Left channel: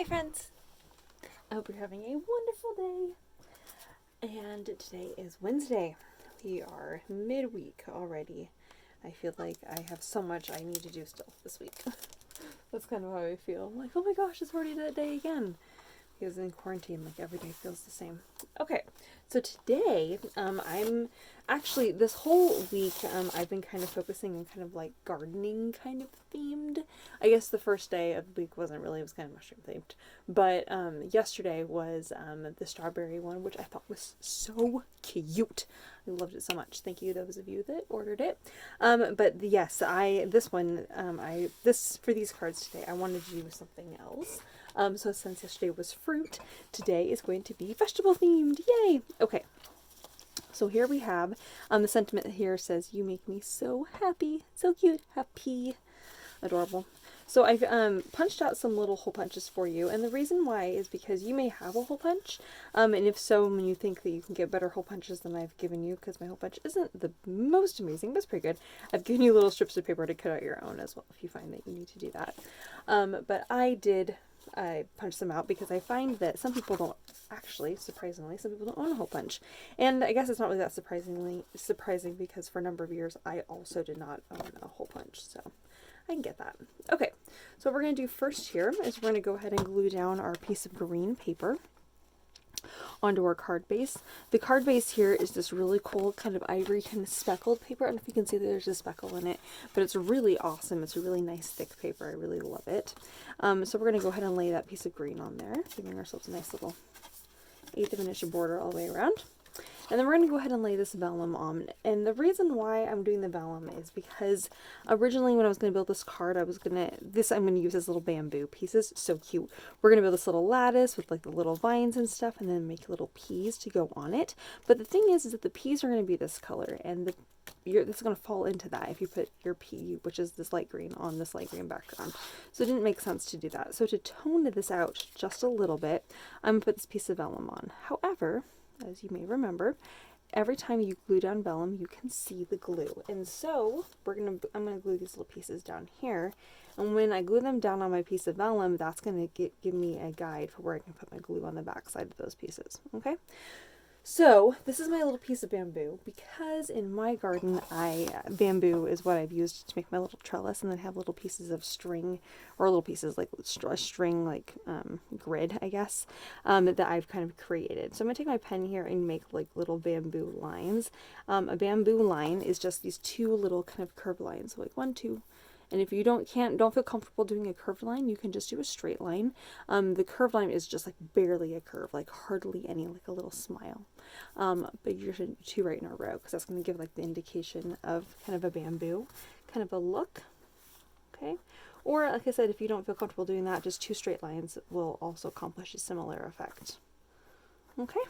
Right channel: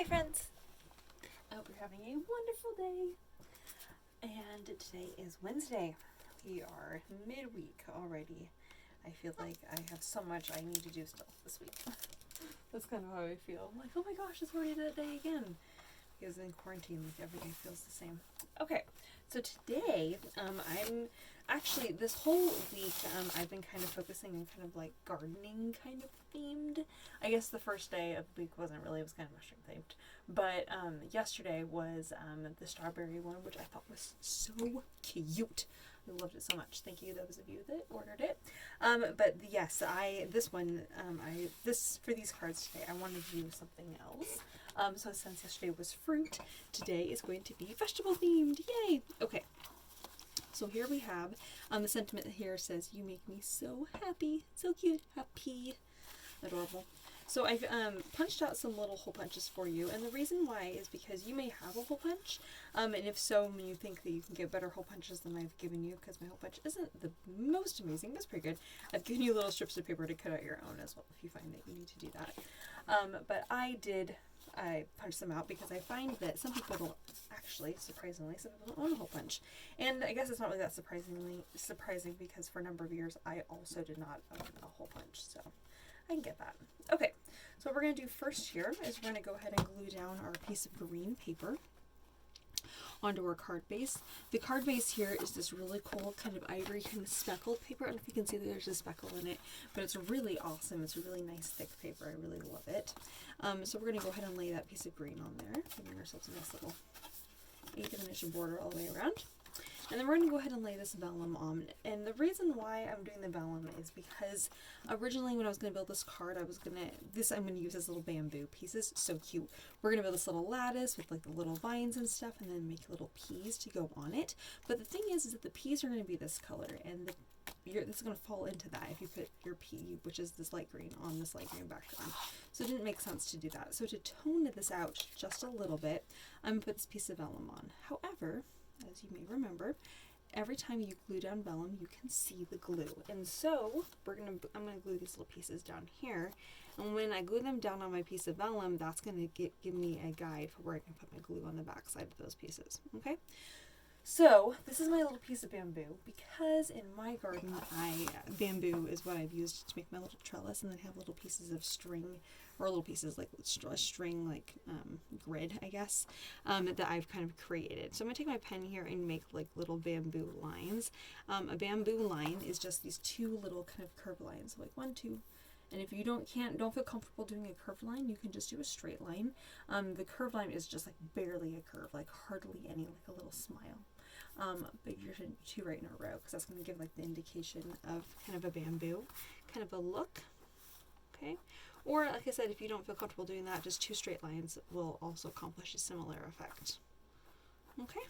Hi friends! I hope you're having a wonderful day. And today is Wednesday. We are midweek already. I feel like I have so much I need to do still this week. That's kind of how I feel. I'm like, oh my gosh, it's already that day again. Because in quarantine, like every day feels the same. Okay, so today, I'm actually, this whole week, I've been kind of focusing on kind of like gardening kind of themed. I guess the first day of the week wasn't really, it was kind of mushroom themed. But yesterday was the strawberry one, which I thought was so cute. I loved it so much. Thank you, those of you that ordered it. But yes, for these cards today, I wanted to do something else. So since yesterday was fruit, today is going to be vegetable themed. Yay! Okay. So here we have, the sentiment here says, "You make me so happy." So cute. Hap-pea. Adorable. So I've punched out some little hole punches for you, and the reason why is because you may have a hole punch, and if so, when you think that you can get better hole punches than I've given you, because my hole punch isn't the most amazing, but it's pretty good, I've given you little strips of paper to cut out your own as well, if you find that you need to do that. But I punched them out because I find that some people don't actually, surprisingly, some people don't own a hole punch. And I guess it's not really that surprising because for a number of years I also did not own a hole punch, so I can get that. Okay, so what we're going to do first here is we're going to go ahead and glue down our piece of green paper onto our card base. The card base here is this really cool kind of ivory kind of speckled paper. I don't know if you can see that there's a speckle in it, but it's really awesome. It's a really nice thick paper. I really love it. So we're going to go ahead and lay that piece of green on there, giving ourselves a nice little 1/8 of an inch border all the way around. And then we're going to go ahead and lay this vellum on. And the reason why I'm doing the vellum is because originally when I was going to build this card, I'm going to use as little bamboo pieces. So cute. We're going to build this little lattice with like the little vines and stuff, and then make little peas to go on it. But the thing is that the peas are going to be this color, and this is going to fall into that if you put your pea, which is this light green, on this light green background. So it didn't make sense to do that. So to tone this out just a little bit, I'm going to put this piece of vellum on. However, as you may remember, every time you glue down vellum, you can see the glue. And so I'm gonna glue these little pieces down here. And when I glue them down on my piece of vellum, that's gonna give me a guide for where I can put my glue on the back side of those pieces. Okay. So this is my little piece of bamboo, because in my garden bamboo is what I've used to make my little trellis, and then have little pieces of string, or little pieces like string like grid, I guess, that I've kind of created. So I'm gonna take my pen here and make like little bamboo lines. A bamboo line is just these two little kind of curved lines, so like 1, 2. And if you don't feel comfortable doing a curved line, you can just do a straight line. The curved line is just like barely a curve, like hardly any, like a little smile. But you're going to do 2 right in a row, because that's going to give like the indication of kind of a bamboo kind of a look. Okay. Or like I said, if you don't feel comfortable doing that, just 2 straight lines will also accomplish a similar effect. Okay.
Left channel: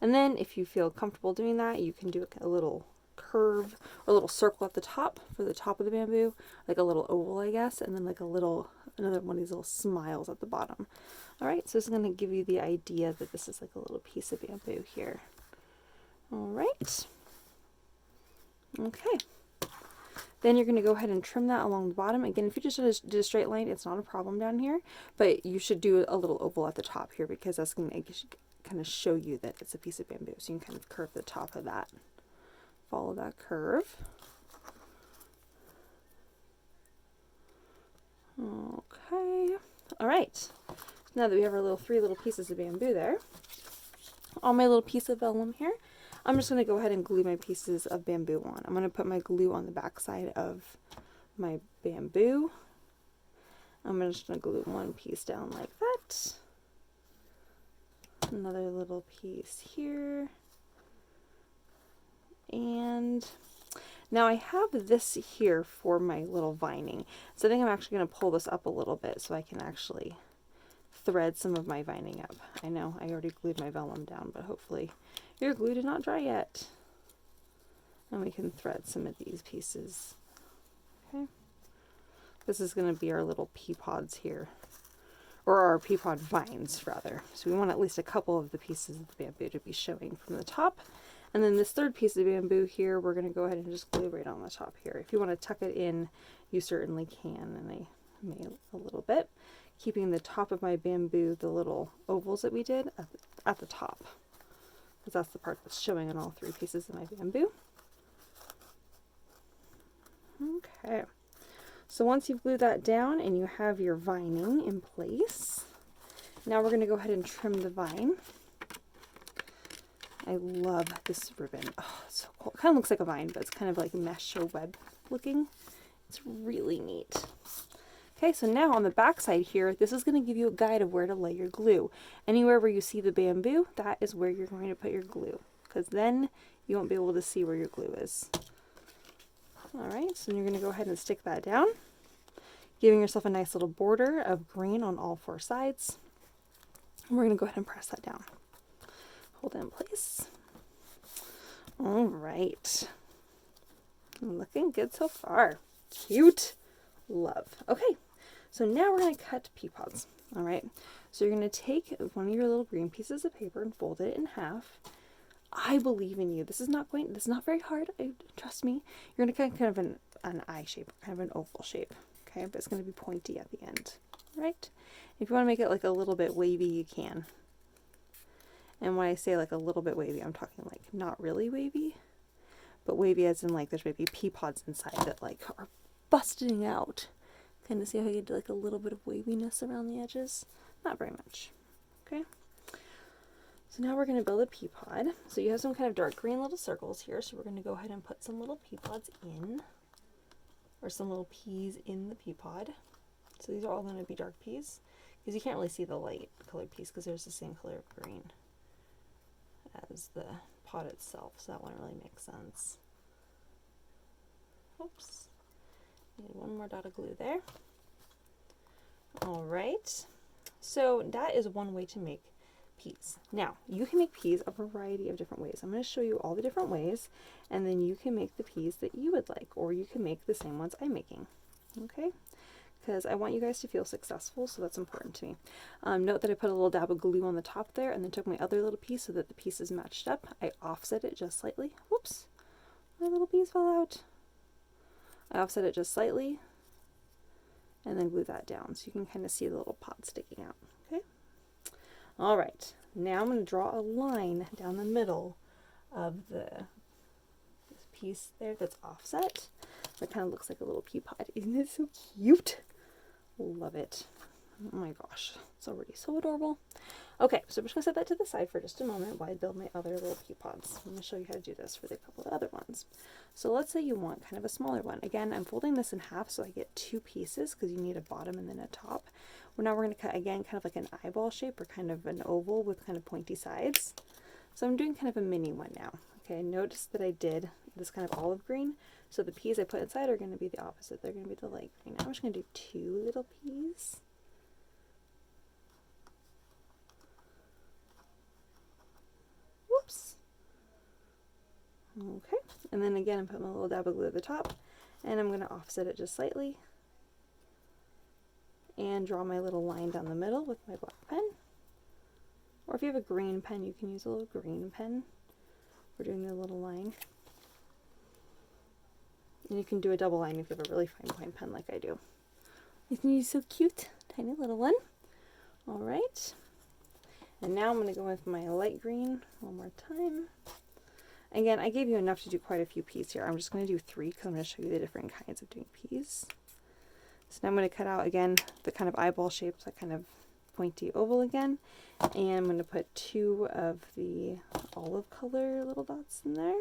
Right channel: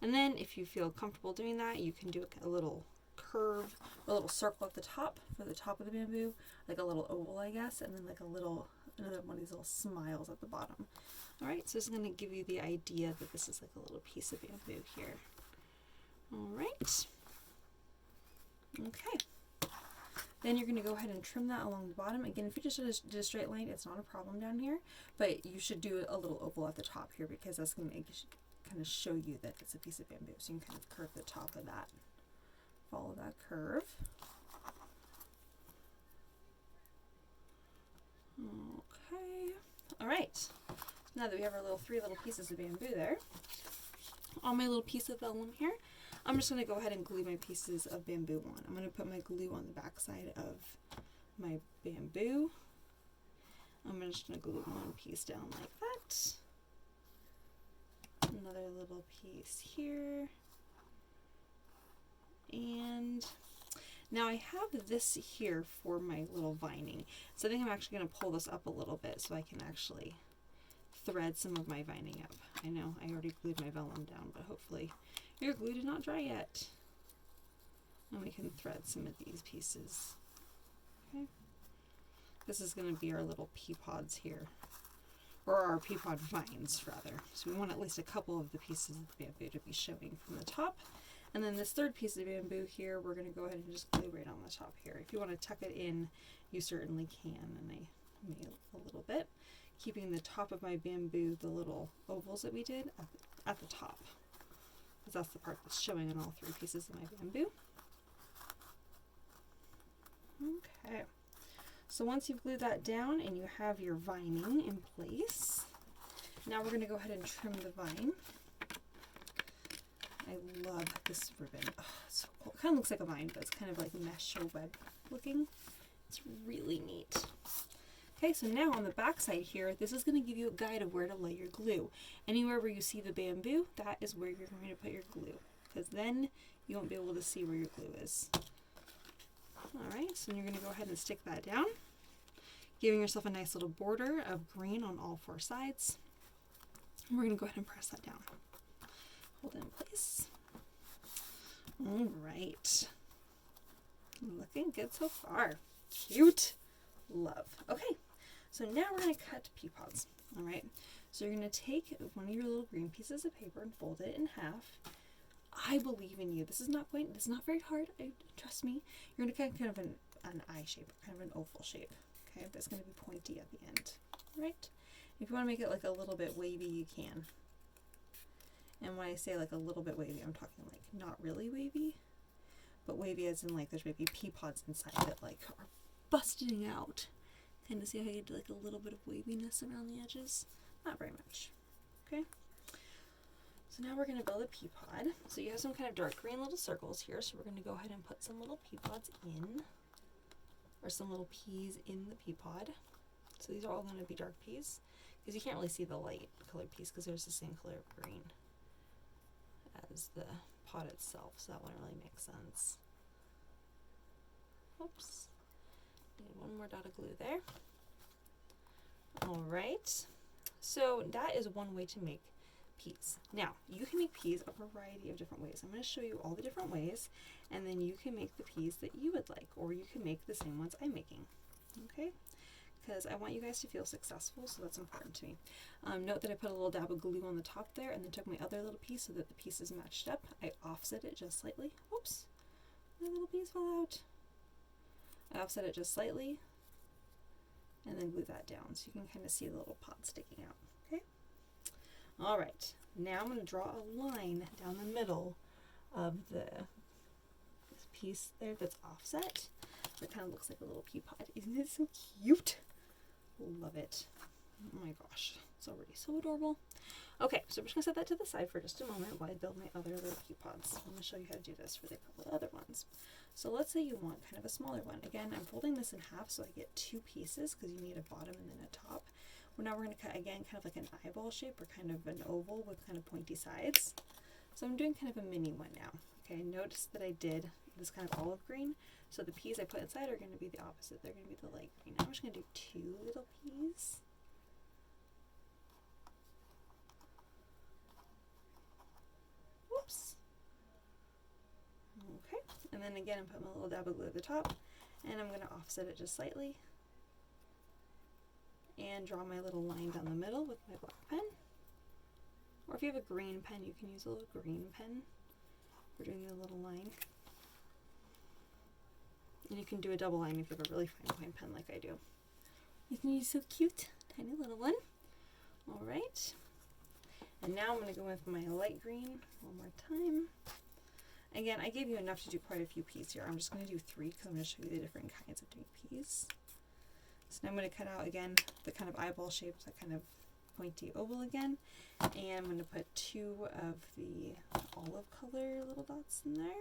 And then if you feel comfortable doing that, you can do a little curve, or a little circle at the top for the top of the bamboo, like a little oval, I guess, and then like another one of these little smiles at the bottom. All right, so this is going to give you the idea that this is like a little piece of bamboo here. All right. Okay. Then you're going to go ahead and trim that along the bottom. Again, if you just did a straight line, it's not a problem down here, but you should do a little oval at the top here, because that's going to kind of show you that it's a piece of bamboo. So you can kind of curve the top of that. Follow that curve. Okay. All right. Now that we have our 3 little pieces of bamboo there, on my little piece of vellum here, I'm just going to go ahead and glue my pieces of bamboo on. I'm going to put my glue on the back side of my bamboo. I'm just going to glue one piece down like that. Another little piece here. And now I have this here for my little vining. So I think I'm actually going to pull this up a little bit so I can actually thread some of my vining up. I know I already glued my vellum down, but hopefully your glue did not dry yet. And we can thread some of these pieces. Okay. This is going to be our little pea pods here, or our pea pod vines rather. So we want at least a couple of the pieces of the bamboo to be showing from the top. And then this 3rd piece of bamboo here, we're going to go ahead and just glue right on the top here. If you want to tuck it in, you certainly can, and I may a little bit. keeping the top of my bamboo, the little ovals that we did, at the top, because that's the part that's showing on all 3 pieces of my bamboo. Okay, so once you've glued that down and you have your vining in place, now we're going to go ahead and trim the vine. I love this ribbon. Oh, it's so cool. It kind of looks like a vine, but it's kind of like mesh or web looking. It's really neat. Okay, so now on the back side here, this is going to give you a guide of where to lay your glue. Anywhere where you see the bamboo, that is where you're going to put your glue, because then you won't be able to see where your glue is. Alright, so you're going to go ahead and stick that down, giving yourself a nice little border of green on all 4 sides. And we're going to go ahead and press that down. Hold it in place. Alright. Looking good so far. Cute. Love. Okay, so now we're going to cut pea pods. Alright, so you're going to take one of your little green pieces of paper and fold it in half. I believe in you. This is not very hard. Trust me. You're going to cut kind of an eye shape, kind of an oval shape. Okay, but it's going to be pointy at the end. Right? If you want to make it like a little bit wavy, you can. And when I say like a little bit wavy, I'm talking like not really wavy, but wavy as in like there's maybe pea pods inside that like are busting out. Kind of see how you do like a little bit of waviness around the edges? Not very much. Okay. So now we're going to build a pea pod. So you have some kind of dark green little circles here. So we're going to go ahead and put some little pea pods in, or some little peas in the pea pod. So these are all going to be dark peas, because you can't really see the light colored peas because there's the same color of green as the pot itself, so that wouldn't really make sense. Oops. Need one more dot of glue there. Alright, so that is one way to make peas. Now, you can make peas a variety of different ways. I'm going to show you all the different ways, and then you can make the peas that you would like, or you can make the same ones I'm making. Okay? Because I want you guys to feel successful, so that's important to me. Note that I put a little dab of glue on the top there, and then took my other little piece so that the pieces matched up. I offset it just slightly. Whoops! My little piece fell out. I offset it just slightly, and then glue that down so you can kind of see the little pot sticking out. Okay? Alright, now I'm going to draw a line down the middle of this piece there that's offset. That kind of looks like a little pea pod. Isn't it so cute? Love it. Oh my gosh, it's already so adorable. Okay, so we're just going to set that to the side for just a moment while I build my other little pea pods. I'm going to show you how to do this for the couple of other ones. So let's say you want kind of a smaller one. Again, I'm folding this in half so I get 2 pieces because you need a bottom and then a top. Well, now we're going to cut again kind of like an eyeball shape or kind of an oval with kind of pointy sides. So I'm doing kind of a mini one now. Okay, notice that I did this kind of olive green. So the peas I put inside are going to be the opposite. They're going to be the light green. Now I'm just going to do 2 little peas. Whoops. Okay, and then again, I'm putting a little dab of glue at the top, and I'm going to offset it just slightly, and draw my little line down the middle with my black pen. Or if you have a green pen, you can use a little green pen for doing the little line. And you can do a double line if you have a really fine pen like I do. Isn't he so cute? Tiny little one. Alright. And now I'm going to go with my light green one more time. Again, I gave you enough to do quite a few peas here. I'm just going to do 3 because I'm going to show you the different kinds of doing peas. So now I'm going to cut out again the kind of eyeball shape, that kind of pointy oval again. And I'm going to put 2 of the olive color little dots in there.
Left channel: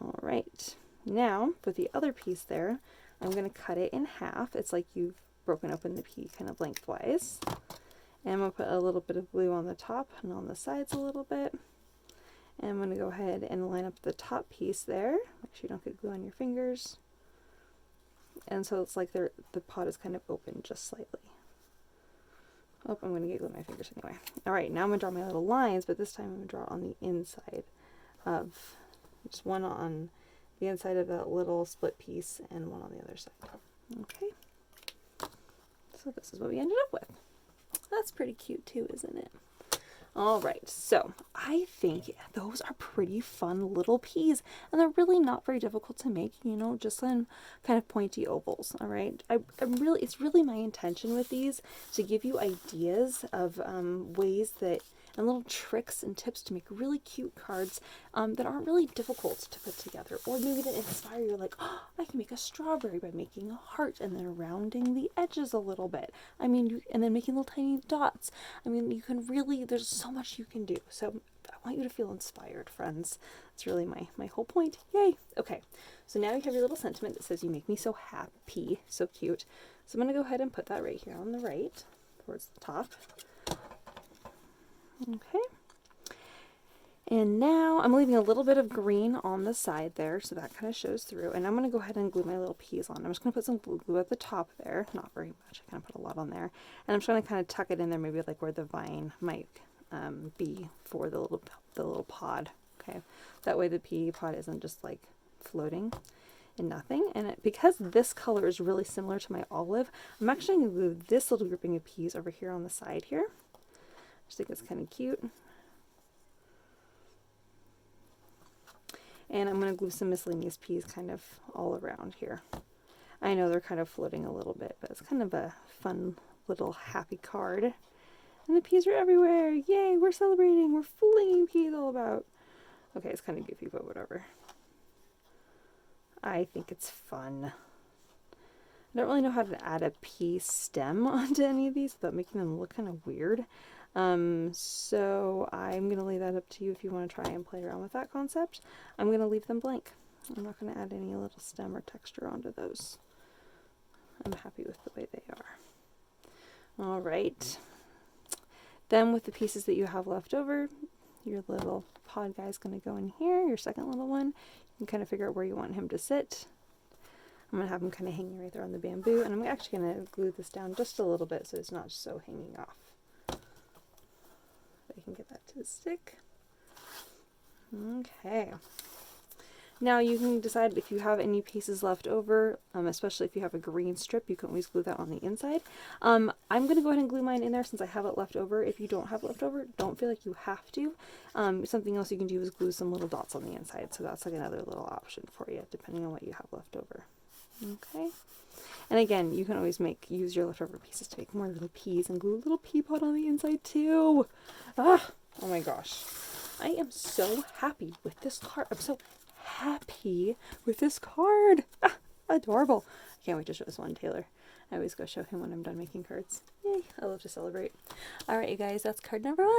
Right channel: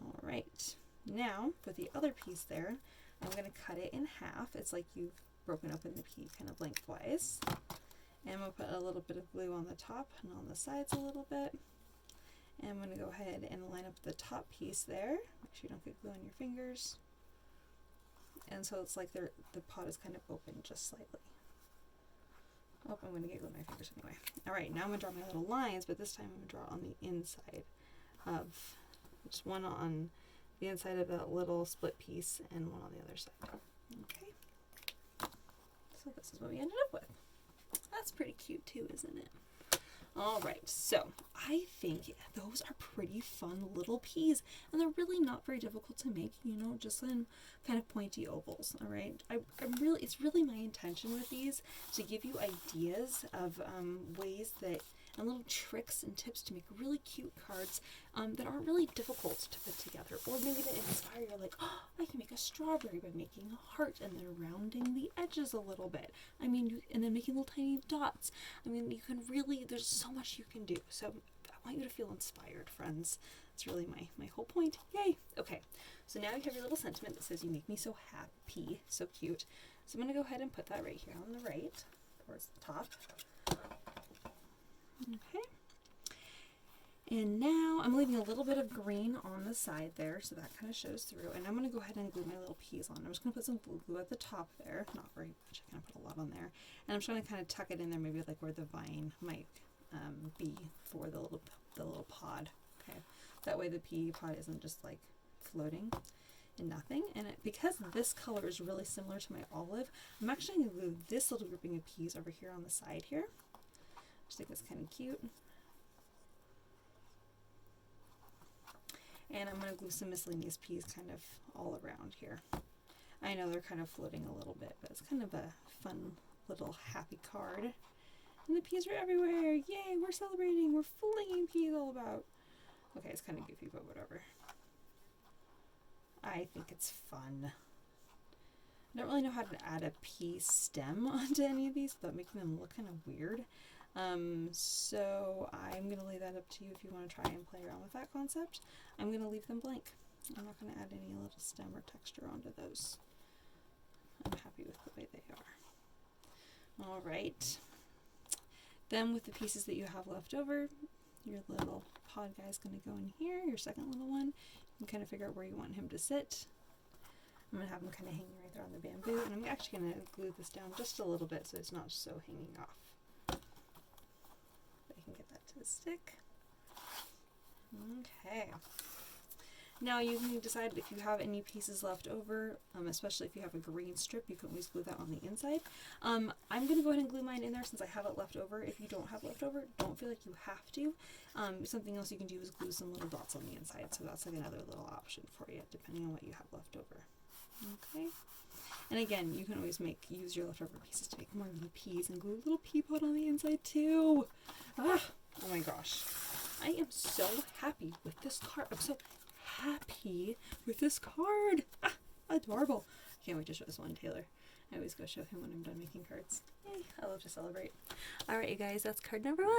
Alright, now for the other piece there, I'm going to cut it in half. It's like you've broken open the pea kind of lengthwise. And I'm going to put a little bit of glue on the top and on the sides a little bit. And I'm going to go ahead and line up the top piece there. Make sure you don't get glue on your fingers. And so it's like the pot is kind of open just slightly. Oh, I'm going to get glue on my fingers anyway. Alright, now I'm going to draw my little lines, but this time I'm going to draw on the inside of, just one on the inside of that little split piece and one on the other side. Okay. So this is what we ended up with. That's pretty cute too, isn't it? All right, so I think those are pretty fun little peas, and they're really not very difficult to make, you know, just in kind of pointy ovals. All right, it's really my intention with these to give you ideas of ways that and little tricks and tips to make really cute cards that aren't really difficult to put together, or maybe that inspire you, like, oh, I can make a strawberry by making a heart and then rounding the edges a little bit. I mean, and then making little tiny dots. I mean, you can really, there's so much you can do. So I want you to feel inspired, friends. That's really my whole point. Yay! Okay, so now you have your little sentiment that says, you make me so happy, so cute. So I'm going to go ahead and put that right here on the right, towards the top. Okay. And now I'm leaving a little bit of green on the side there, so that kind of shows through. And I'm going to go ahead and glue my little peas on. I'm just going to put some glue at the top there. Not very much. I kind of put a lot on there. And I'm just going to kind of tuck it in there, maybe like where the vine might be for the little pod. Okay. That way the pea pod isn't just like floating in nothing. And because this color is really similar to my olive, I'm actually going to glue this little grouping of peas over here on the side here. I just think it's kind of cute. And I'm going to glue some miscellaneous peas kind of all around here. I know they're kind of floating a little bit, but it's kind of a fun little happy card. And the peas are everywhere. Yay, we're celebrating. We're flinging peas all about. Okay, it's kind of goofy, but whatever. I think it's fun. I don't really know how to add a pea stem onto any of these without making them look kind of weird. So I'm going to leave that up to you if you want to try and play around with that concept. I'm going to leave them blank. I'm not going to add any little stem or texture onto those. I'm happy with the way they are. All right. Then with the pieces that you have left over, your little pod guy is going to go in here, your second little one. You can kind of figure out where you want him to sit. I'm going to have him kind of hanging right there on the bamboo, and I'm actually going to glue this down just a little bit so it's not so hanging off. I can get that to stick. Okay. Now you can decide if you have any pieces left over, especially if you have a green strip, you can always glue that on the inside. I'm going to go ahead and glue mine in there since I have it left over. If you don't have it left over, don't feel like you have to. Something else you can do is glue some little dots on the inside, so that's like another little option for you, depending on what you have left over. Okay. And again, you can always use your leftover pieces to make more little peas and glue a little pea pod on the inside too. Ah, oh my gosh. I am so happy with this card. I'm so happy with this card. Ah, adorable. I can't wait to show this one to Taylor. I always go show him when I'm done making cards. Yay, I love to celebrate. Alright, you guys, that's card number 1.